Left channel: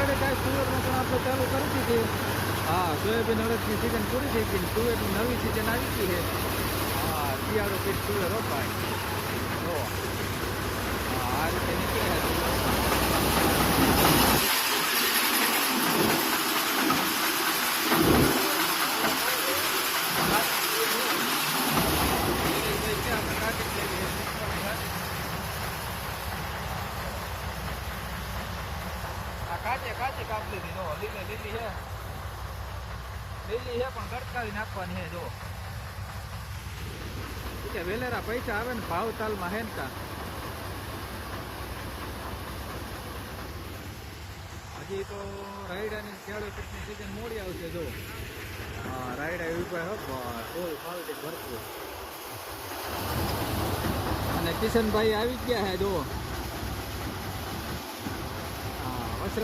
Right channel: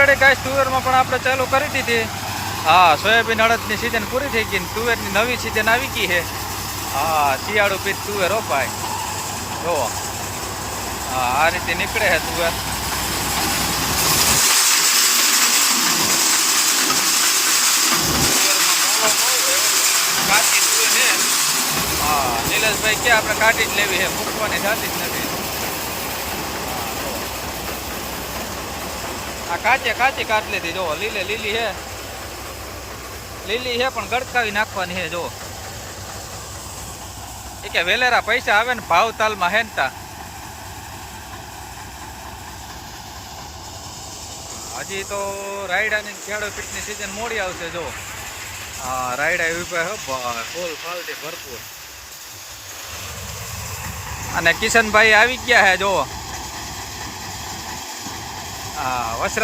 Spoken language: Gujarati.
ઓલરેડી ગાઈસ તુવેરમાં પણ આપણે ચાલુ કરી દીધી. હા, સોયાબીન અડદની સિઝન પૂરી થઈ ગઈ ને તુવેરની નવી સિઝન આવી ગઈ છે. હા, શિયાળુ પીઠ તુવેર રોપાય જોવો. હા, આ રીતે નીકળે છે તુવેર. કાચી તુવેર છે. હા, નીલેશભાઈ કે આપણે કાઢી જ લેવી છે, મૂકવાની થતી જ નથી. આ કાચે કાચી કાઢ લીધી જો, લીલી છે. લીલી છે પણ ગળકાવી નાખવાની છે જો. એ કે વેલેરા પૈસા આવે ને ભાવ તાલમાં હેનતા. હજી તો રાયડાની ખેડો પીટની સિઝન મોડી આવશે જો. હા, રાયડા ઉભા હો ફૂલ ફાલથી ભરપૂર. અને કિશનભાઈ આવી ગયા છે જો. હા, વસરા